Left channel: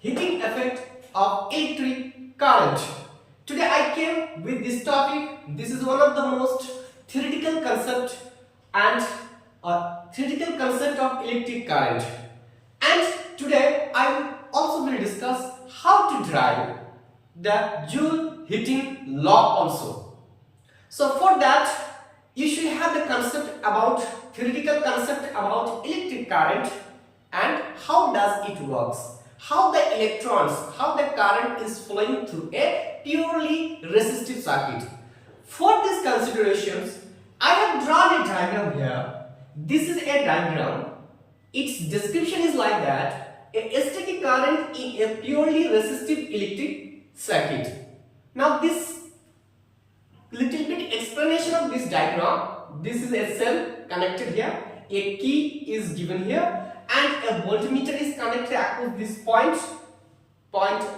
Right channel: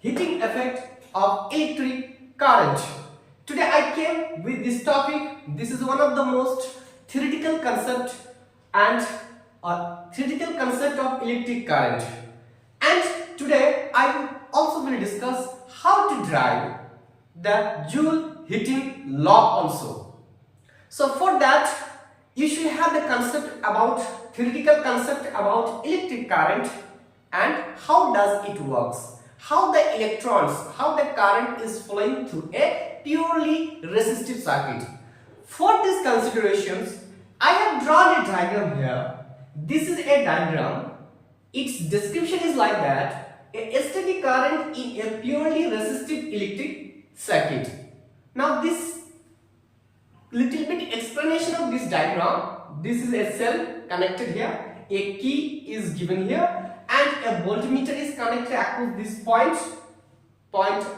heating effect of electric current. Today I came with this topic. This is one of the most theoretical concept and theoretical concept of electric current. And today I will also discuss how to derive the Joule heating law also. So for that you should have the concept about theoretical concept about electric current and how does it works, how the electrons, how the current is flowing through a purely resistive circuit. For these considerations I have drawn a diagram here. This is a diagram. Its description is like that: a static current in a purely resistive electric circuit. Now this little bit explanation of this diagram. This is a cell connected here, a key is given here, and a voltmeter is connected across these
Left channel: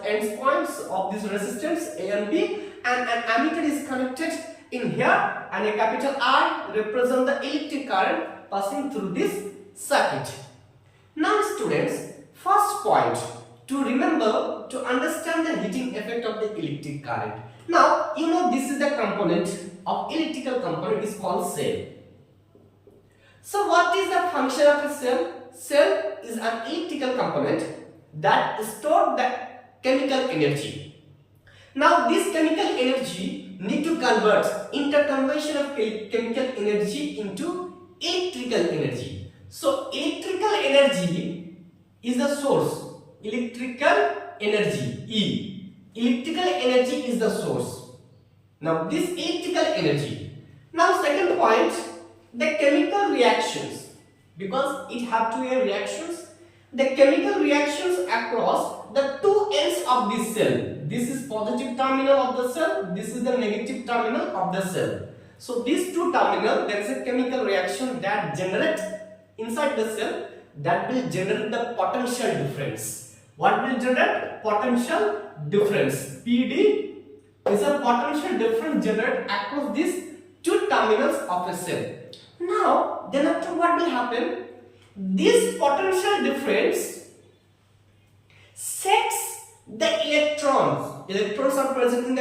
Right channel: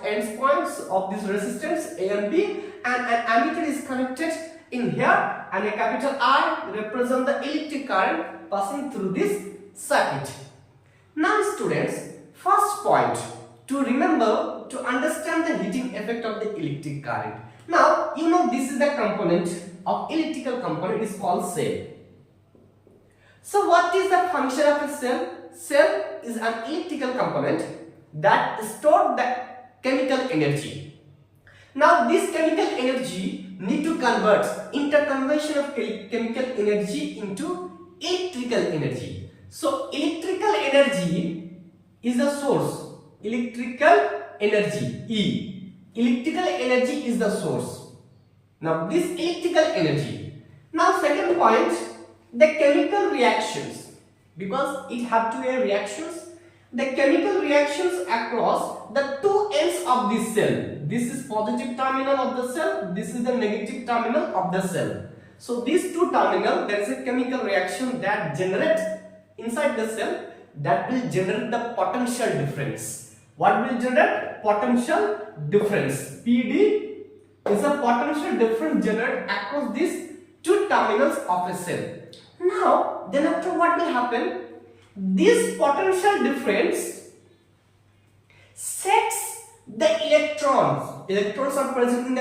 ends points of this resistance A and B, and an ammeter is connected in here, and a capital I represents the electric current passing through this circuit. Now students, first point to remember to understand the heating effect of the electric current. Now you know this is the component of electrical component is called cell. So what is the function of a cell? Cell is an electrical component that stores the chemical energy. Now this chemical energy need to convert interconversion of chemical energy into electrical energy. So electrical energy is the source. Electrical energy E. Electrical energy is the source. Now this electrical energy. Now second point, the chemical reactions, because it have to have reactions. The chemical reactions across the two ends of this cell. This is positive terminal of the cell. This is the negative terminal of the cell. So these two terminals, there is a chemical reaction that generates inside the cell, that will generate the potential difference. What will generate? Potential difference. PD is a potential difference generated across these two terminals of a cell. Now, then after what will happen? This potential difference sets the electrons. Electrons are present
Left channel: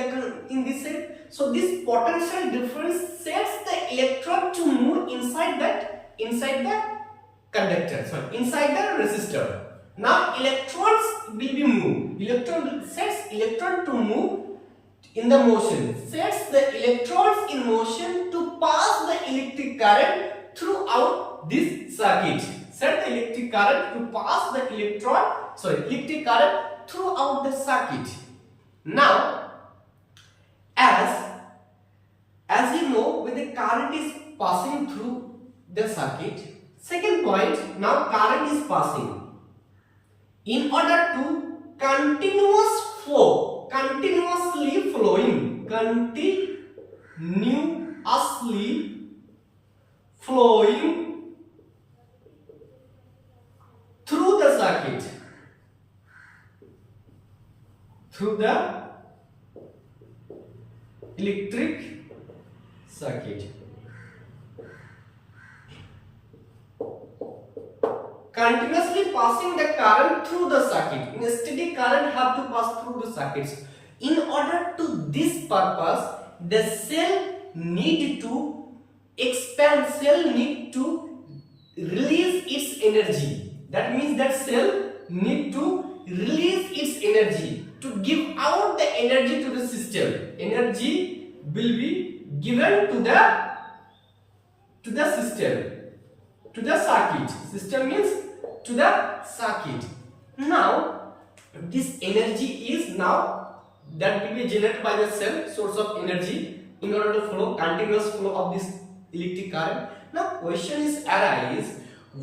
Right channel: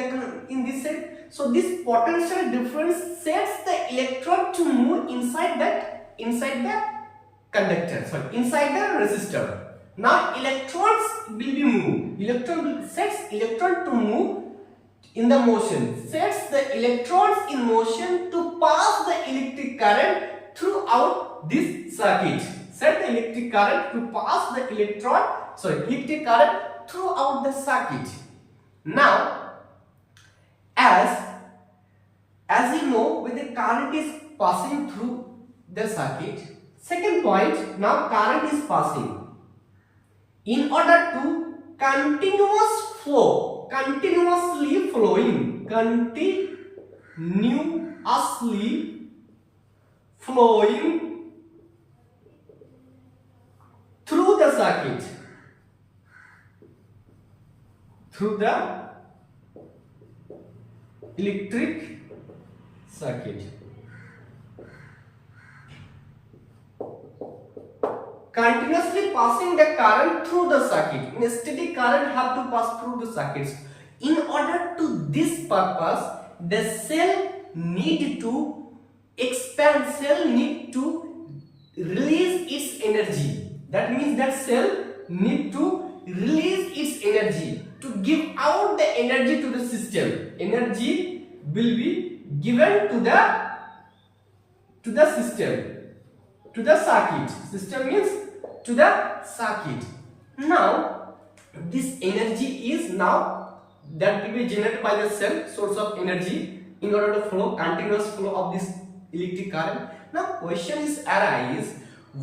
in this cell. So this potential difference sets the electron to move inside the conductor. Inside the resistor. Now electrons will be moved. Sets electron to move in the motion. Sets the electrons in motion to pass the electric current throughout this circuit. Set the electric current to pass the electric current throughout the circuit. Now, as you know, when the current is passing through the circuit, second point, now current is passing. In order to continuously flowing through the circuit, through the electric circuit. Continuously passing the current through the circuit. In a steady current have to pass through the circuits. In order to this purpose, the cell need to expand, cell need to release its energy. That means that cell need to release its energy to give out the energy to the system. Energy will be given to the system, to the circuit. System means to the circuit. Now this energy is now that will be generated by the cell, source of energy, in order to flow continuous flow of this electric current. Now question is arise,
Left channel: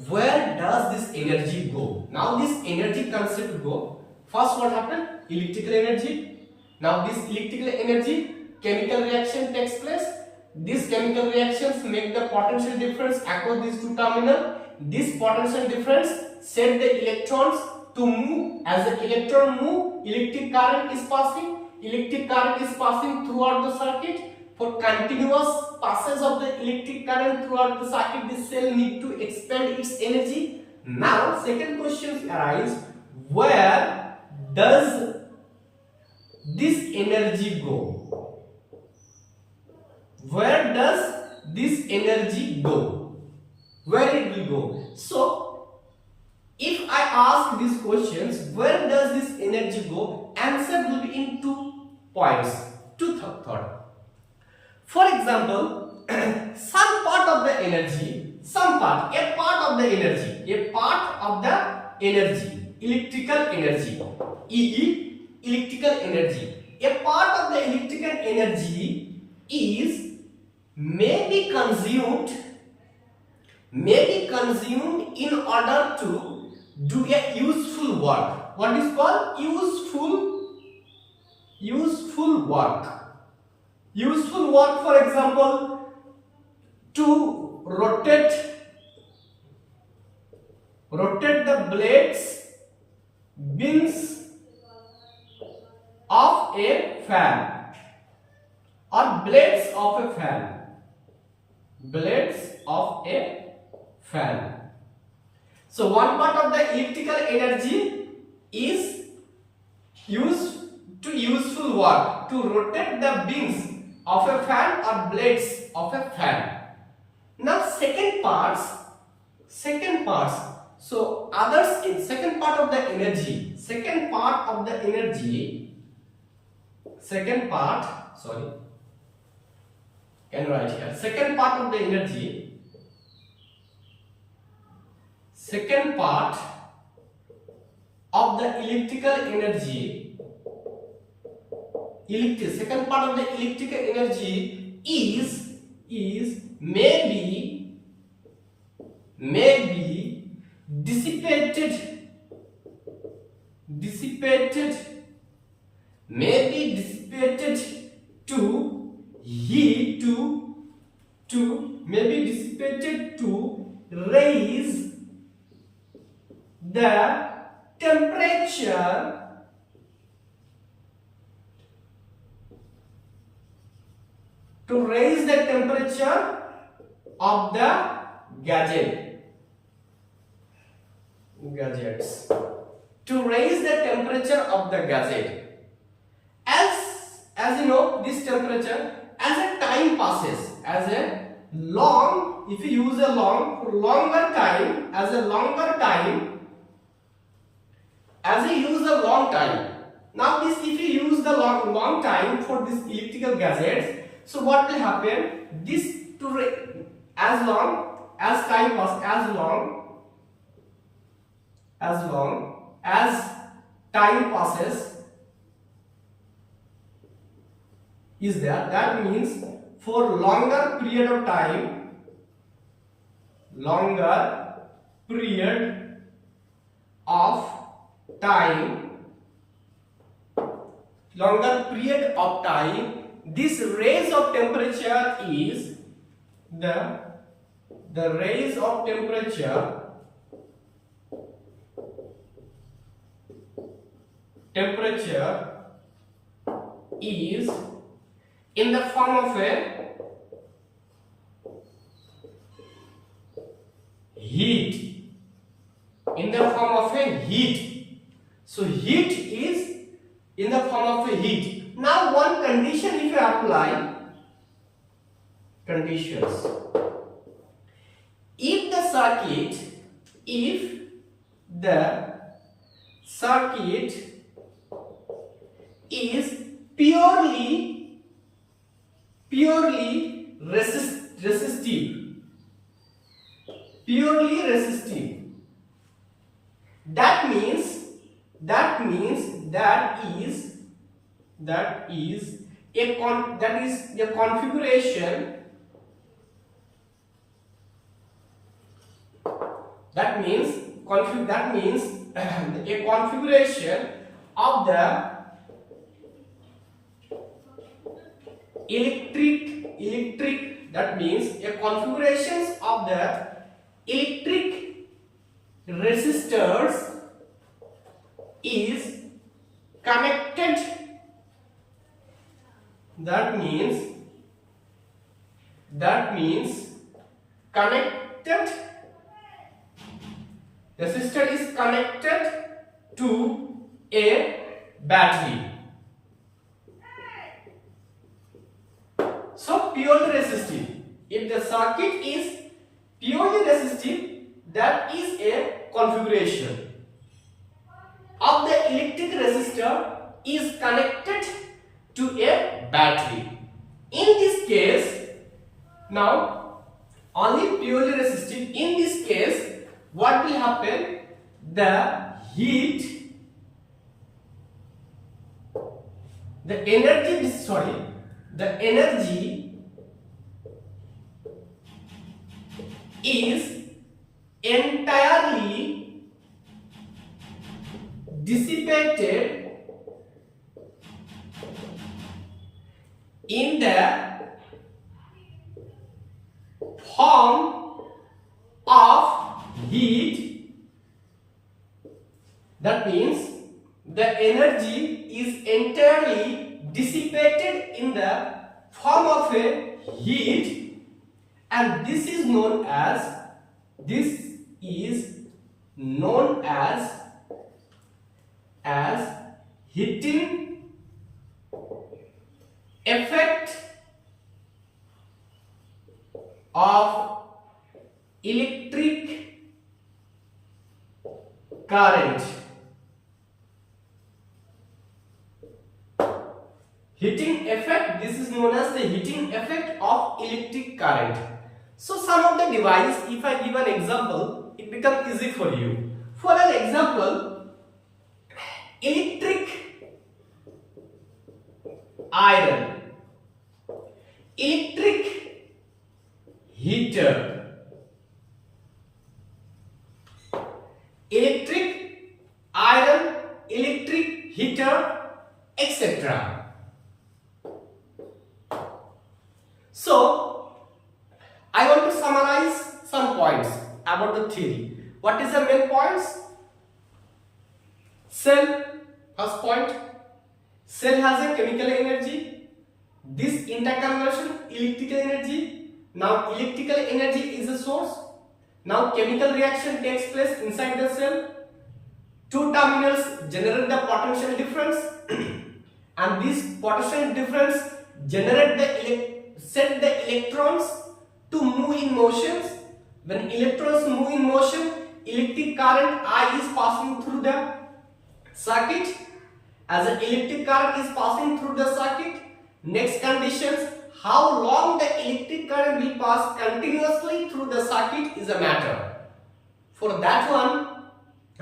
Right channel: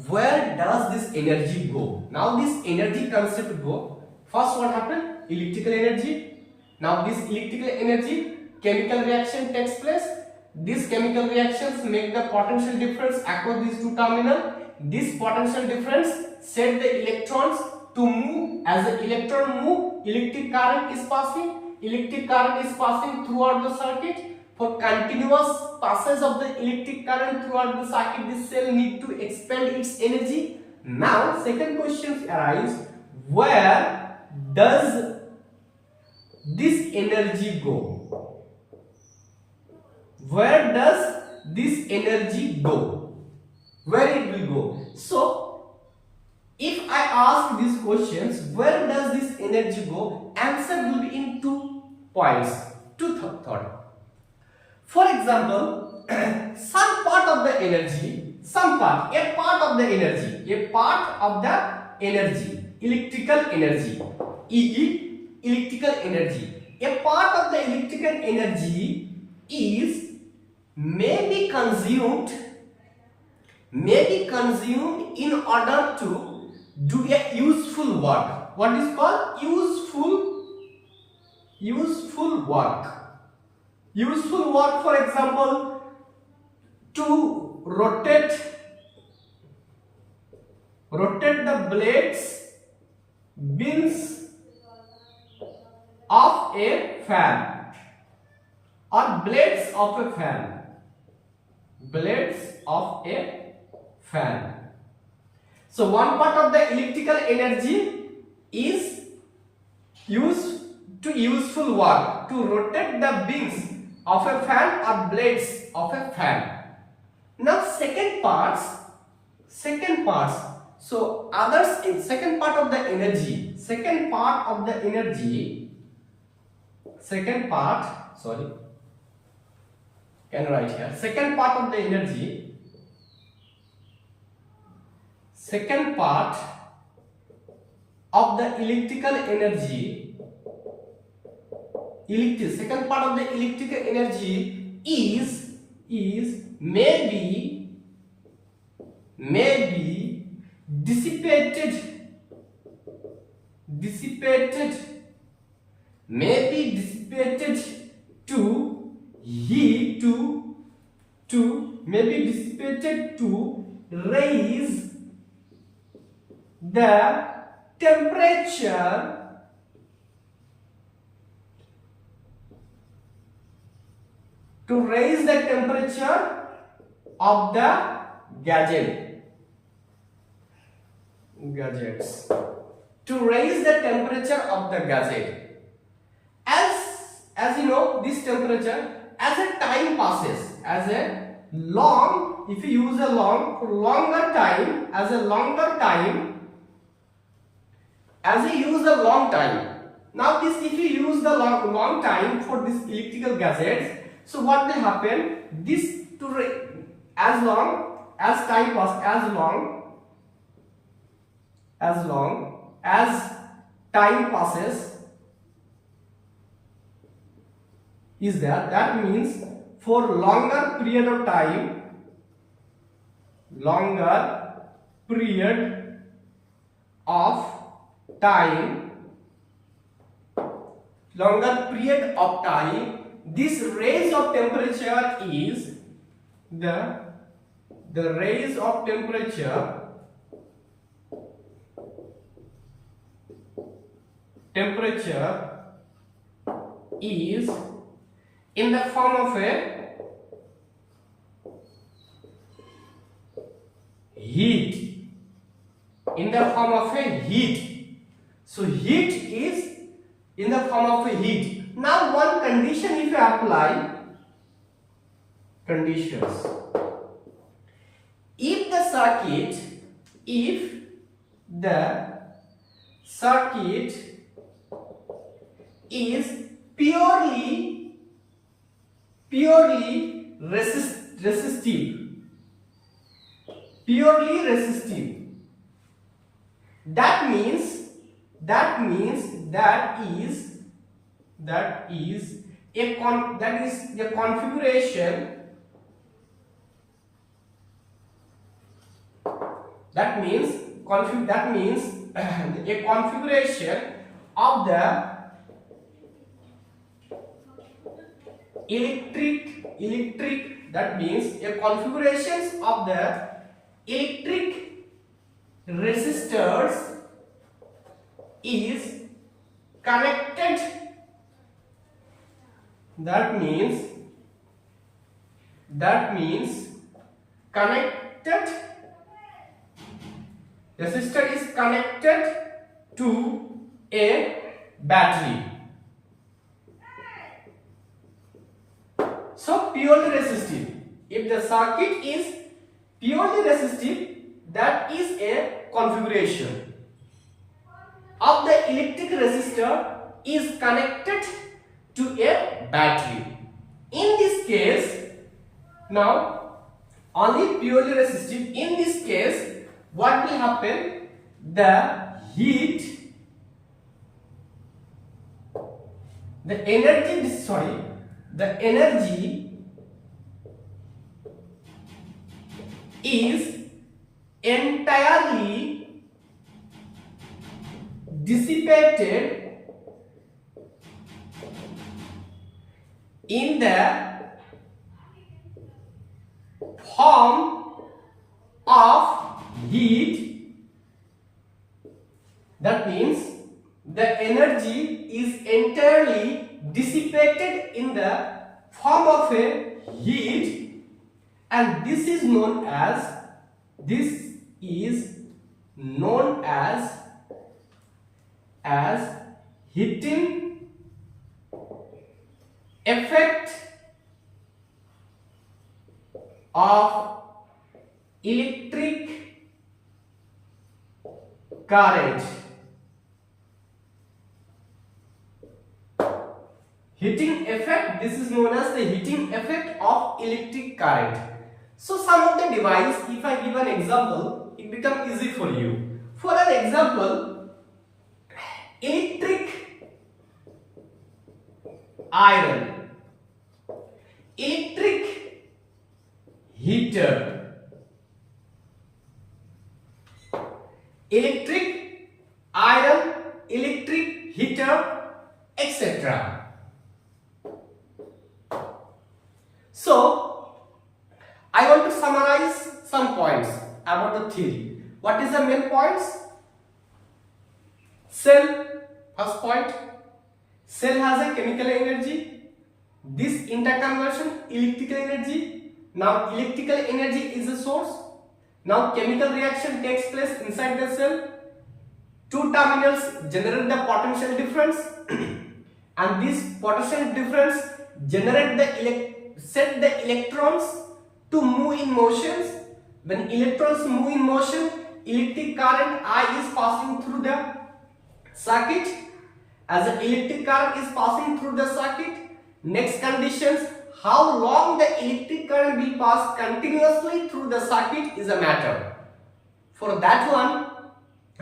where does this energy go? Now this energy concept go. First what happened? Electrical energy. Now this electrical energy, chemical reaction takes place. These chemical reactions make the potential difference across these two terminals. This potential difference set the electrons to move. As the electron move, electric current is passing. Electric current is passing throughout the circuit. For continuous passage of the electric current throughout the circuit, this cell need to expend its energy. Now, second question arise, where does this energy go? Where does this energy go? Where it will go? So, if I ask these questions, where does this energy go? Answer will be in 2 points, two thought. For example, some part of the energy, a part of the energy, electrical energy, electrical energy, a part of the electrical energy is may be consumed in order to do a useful work. What is called useful work? Useful work, for example, to rotate the beams of a fan, or blades of a fan. So one part of the electrical energy is used to useful work, to rotate the beams of a fan or blades of a fan. Now second parts. So others, second part of the energy, can write here. Second part of the energy, second part of the electrical energy, second part of the electrical energy is maybe dissipated to heat to raise the temperature of the gadgets, to raise the temperature of the gadget. As you know, this temperature, as a time passes, if you use longer time, now this, if you use the long time for this electrical gadgets, so what will happen? This as long as time passes, as long as time passes is there, that means for longer period of time, this raise of temperature is the raise of temperature is in the form of a heat, so heat is in the form of a heat. Now one condition, if you apply conditions, if the circuit is purely resistive, that means that is a configuration, that means a configuration of the electric, that means a configurations of the electric resistors is connected, that means connected, resistor is connected to a battery. So purely resistive. If the circuit is purely resistive, that is a configuration of the electric resistor is connected to a battery. In this case, now only purely resistive. In this case, what will happen? The heat, the energy is entirely dissipated in the form of heat. That means the energy is entirely dissipated in the form of a heat, and this is known as heating effect of electric current. Heating effect, this is known as the heating effect of electric current. So some of the device, if I give an example, it becomes easy for you. For an example, electric iron, electric heater, electric iron, electric heater, etc. So, I want to summarize some points about the theory. What is the main points? Cell, first point. Cell has a chemical energy. This interconversion, electrical energy. Now, electrical energy is the source. Now, chemical reaction takes place inside the cell. Two terminals generate the potential difference, and this potential difference set the electrons to move in motions. When electrons move in motion, electric current I is passing through the circuit. As the electric current is passing through the circuit, next conditions, how long the electric current will pass continuously through the circuit is a matter. For that one,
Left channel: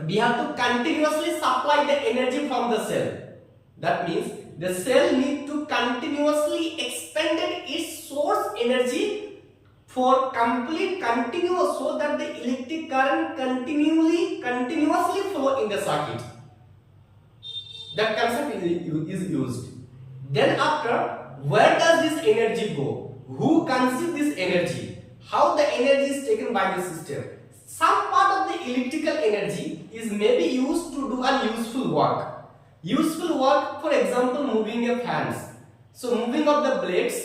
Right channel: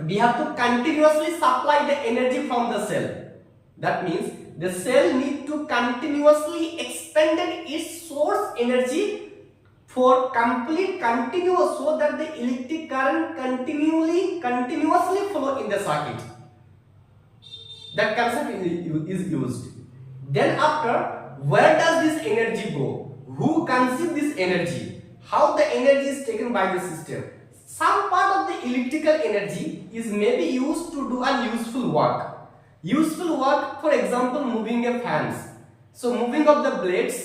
we have to continuously supply the energy from the cell. That means the cell need to continuously expend its source energy for complete continuous, so that the electric current continuously flow in the circuit. That concept is used. Then after, where does this energy go? Who consumes this energy? How the energy is taken by the system? Some part of the electrical energy is maybe used to do a useful work. Useful work, for example, moving a fans. So moving of the blades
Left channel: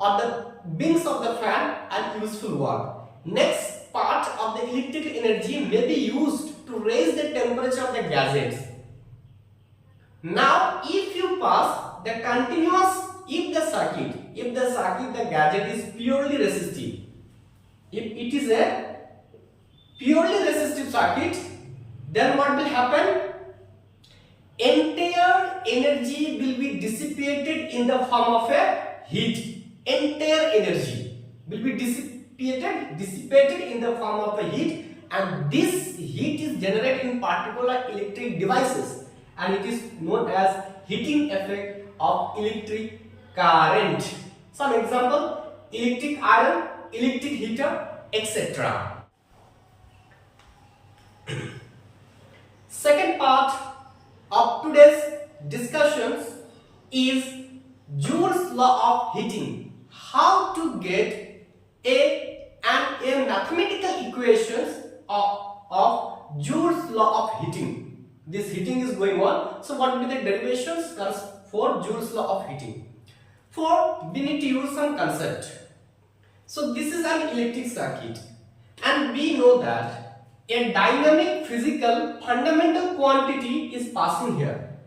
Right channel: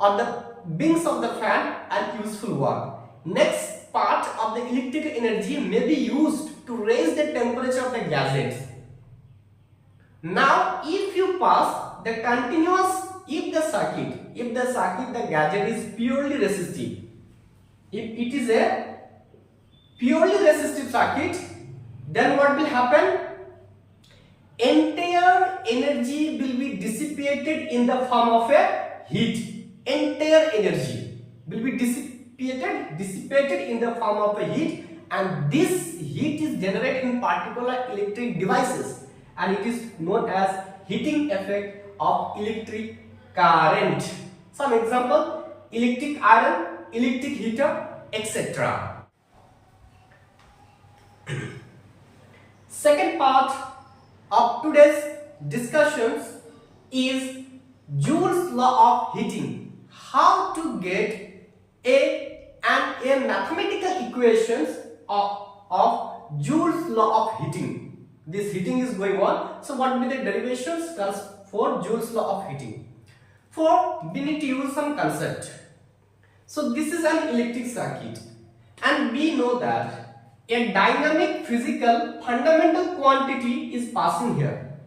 or the wings of the fan and useful work. Next part of the electrical energy may be used to raise the temperature of the gadgets. Now, if you pass the continuous, if the gadget is purely resistive, if it is a purely resistive circuit, then what will happen? Entire energy will be dissipated in the form of a heat. Entire energy will be dissipated in the form of a heat, and this heat is generated in particular electric devices, and it is known as heating effect of electric current. Some example: electric iron, electric heater, etc. Second part of today's discussions is Joule's law of heating. How to get a mathematical equations of Joule's law of heating. This heating is going on. So what will be the derivations for Joule's law of heating? For we need to use some concept. So this is an electric circuit, and we know that a dynamic physical fundamental quantity is passing here.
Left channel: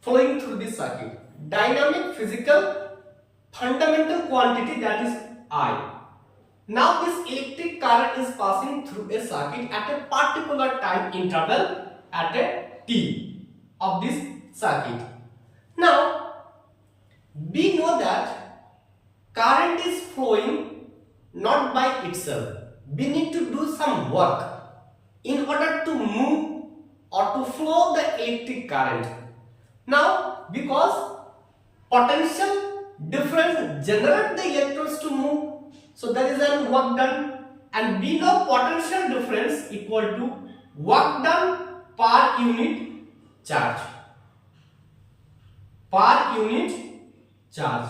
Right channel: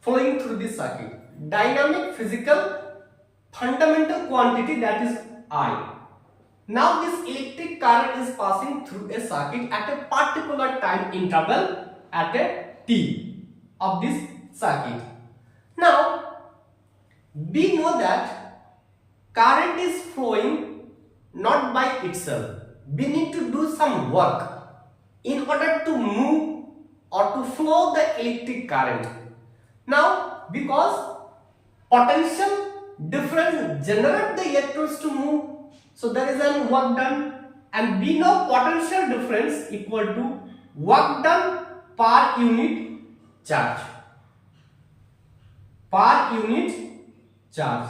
flowing through this circuit. Dynamic physical fundamental quantity, that is I. Now this electric current is passing through a circuit at a particular time interval at a t of this circuit. Now we know that current is flowing not by itself. We need to do some work in order to move or to flow the electric current. Now because potential difference generate the electrons to move, so there is a work done, and we know potential difference equal to work done per unit charge. Per unit charge.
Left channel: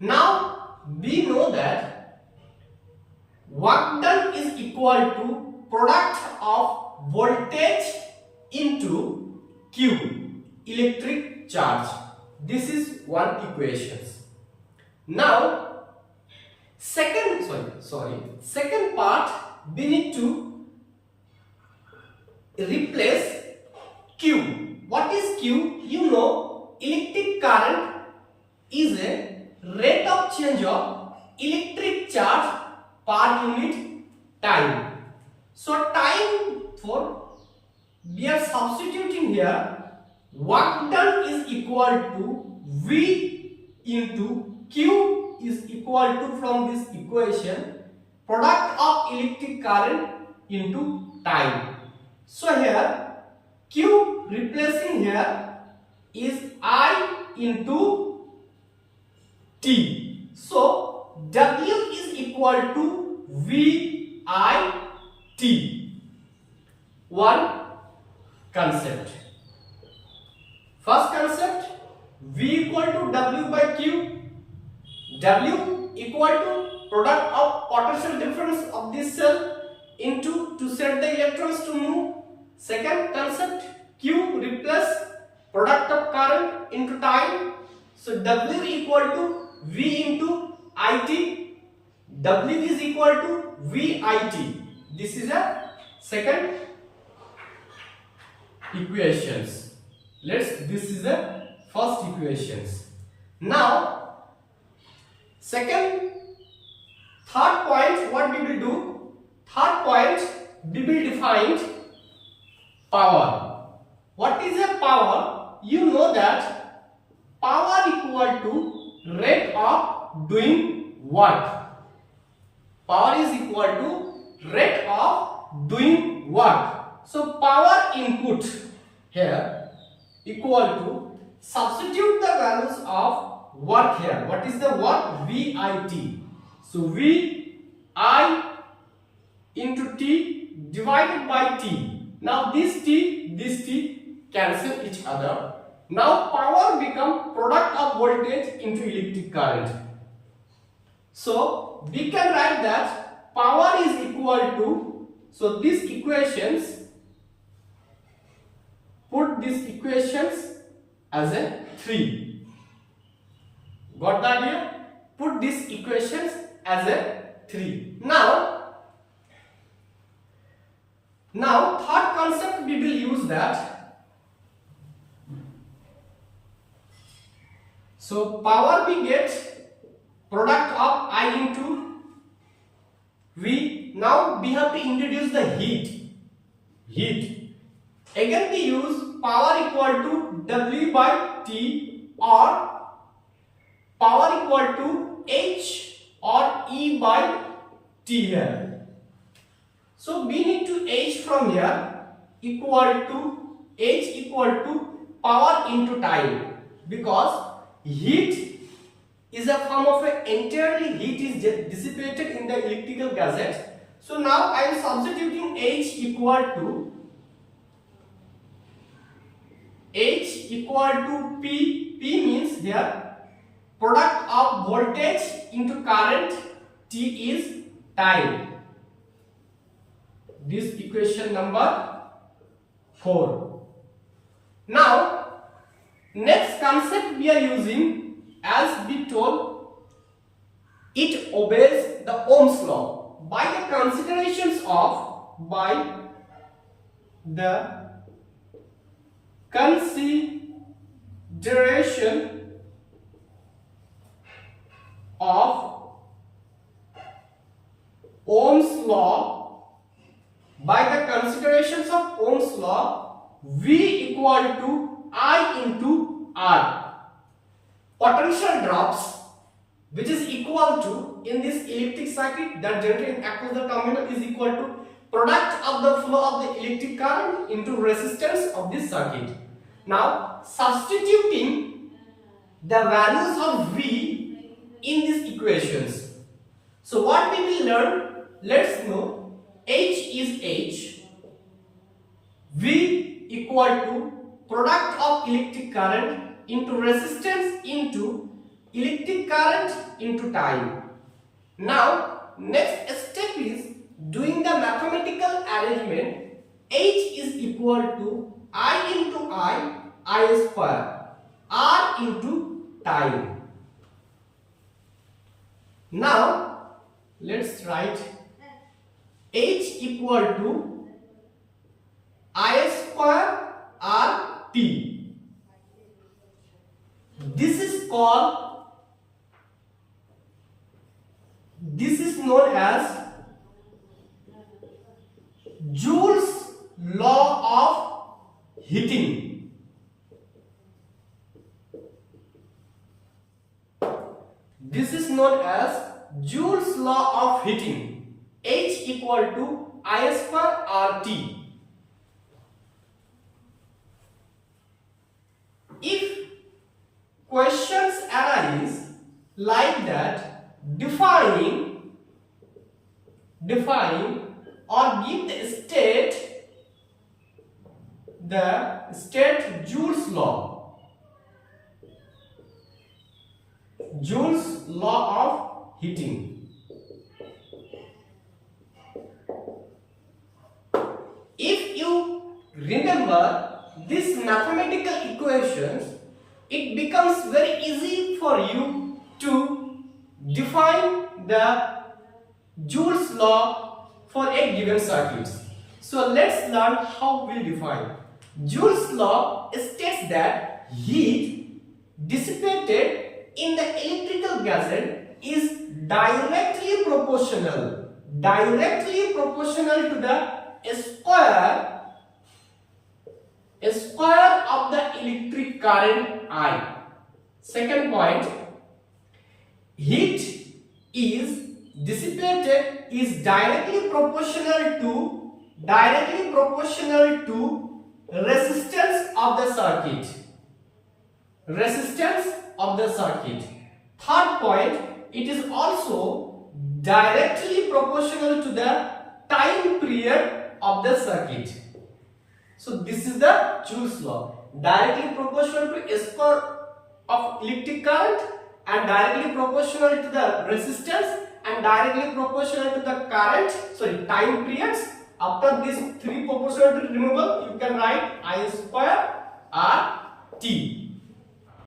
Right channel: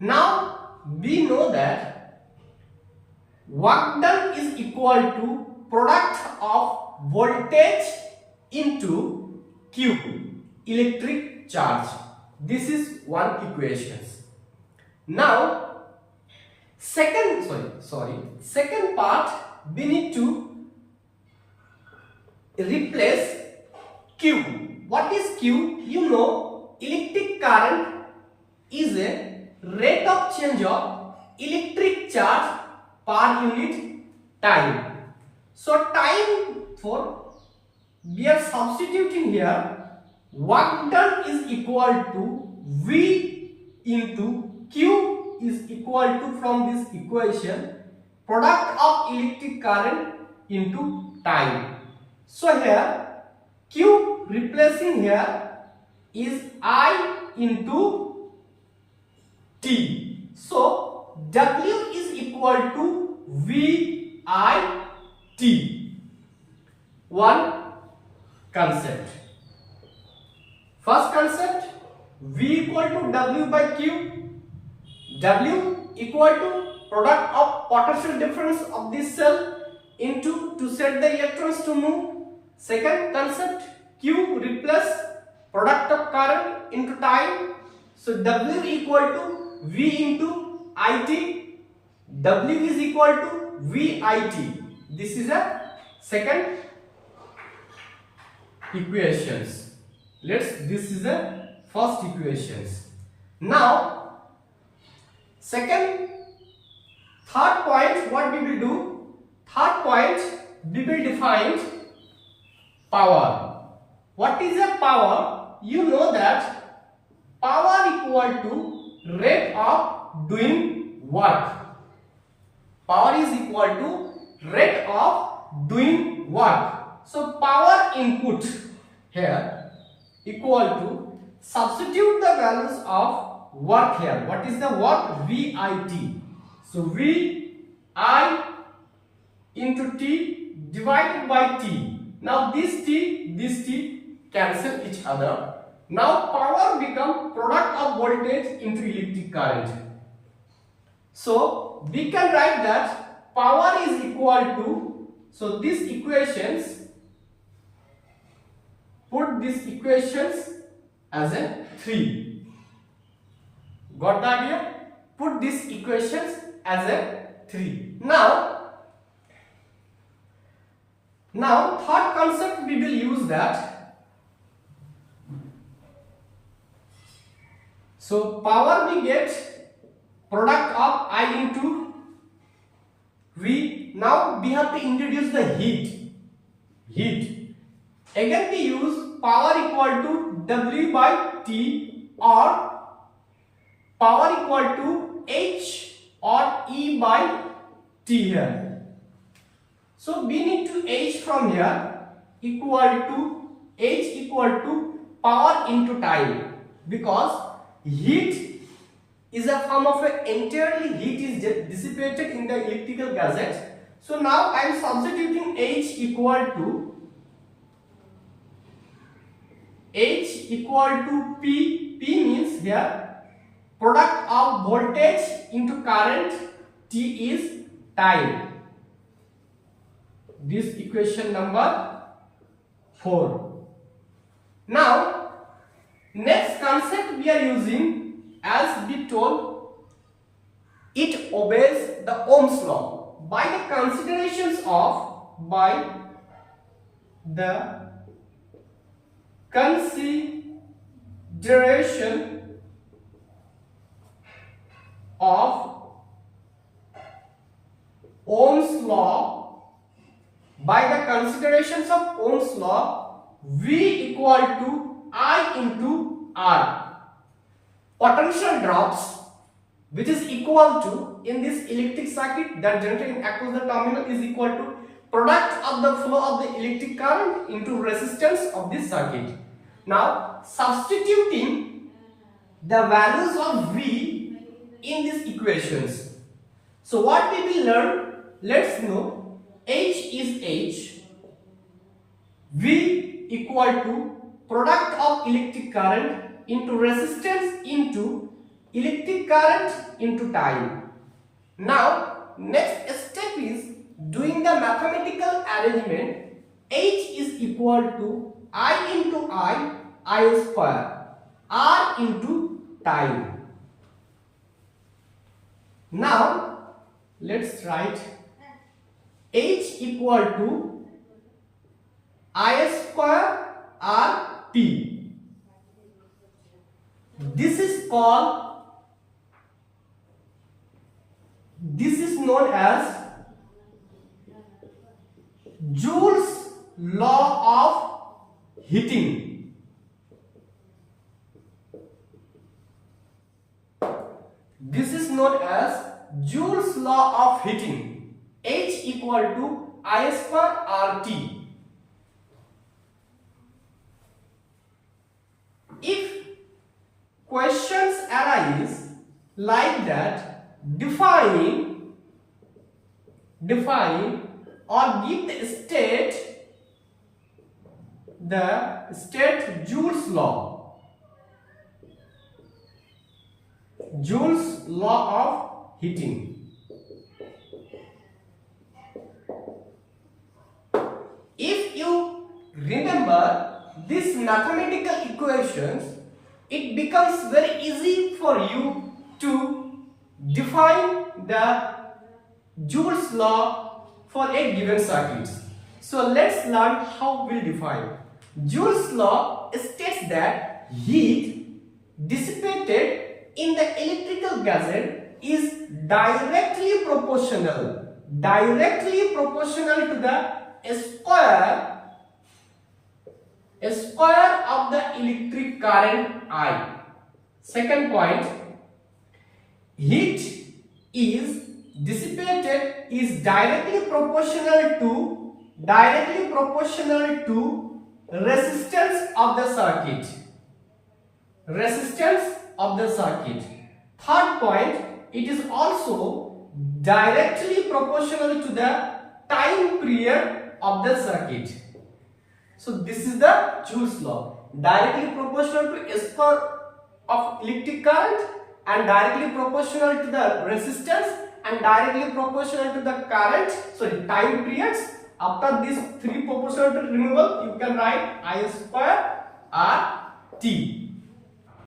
Now we know that work done is equal to product of voltage into Q, electric charge. This is one equation. Now second part, we need to replace Q. What is Q? You know, electric current is a rate of change of electric charge per unit time. So time, for we are substituting here, work done is equal to V into Q is equal to, from this equation, product of electric current into time. So here Q replacing here is I into T. So W is equal to V I T. One concept. First concept, V equal to W by Q. W equal to product of potential difference of this cell into to set the electrons to move. Second concept, Q replace product of current into time. So W equal to V into IT. W is equal to VIT. This is a second equations. This is the first equations. Now third point, what we will do? Third point, we will define power. What is a power? You know that power equal to rate of doing work. Power is equal to rate of doing work. So power input here equal to, substitute the values of work here. What is the work? VIT. So VI into T divided by T. Now this T cancel each other. Now power become product of voltage into electric current. So we can write that power is equal to, so these equations, put these equations as a 3. Got the idea? Put these equations as a 3. Now third concept, we will use that. So power we get product of I into V. Now we have to introduce the heat. Again we use power equal to W by T, or power equal to H or E by T here. So we need to H from here equal to power into time, because heat is a form of entirely heat is dissipated in the electrical gadgets. So now I am substituting H equal to P. P means here product of voltage into current, T is time. This equation number 4. Now next concept we are using, as we told, it obeys the Ohm's law by the considerations of Current.Derivation of Ohm's law. By the considerations of Ohm's law, V equal to I into R. Potential drops, which is equal to, in this electric circuit that generating across the terminal, is equal to product of the flow of the electric current into resistance of this circuit. Now substituting the values of V in these equations. So what we will learn, let's know H is H, V equal to product of electric current into resistance into electric current into time. Now next step is doing the mathematical arrangement. H is equal to I into I square, R into time. Now let's write H equal to I square R T. This is known as Joule's law of heating. This is known as Joule's law of heating. H equal to I square RT. If questions arise like that, define or give the state Joule's law. Joule's law of heating. If you remember these mathematical equations, it becomes very easy for you to define the Joule's law for a given circuit. So let's learn how we'll define. Joule's law states that heat dissipated in the electrical gadget is directly proportional to the square of the electric current I. Second point, heat is dissipated is directly proportional to resistance of the circuit. Third point, it is also directly proportional to the time period of the circuit. So this is the Joule's law. Directly proportional to square of electric current, and directly proportional to the resistance, and directly proportional to the time periods. After these three proportionality removal, you can write I square R T.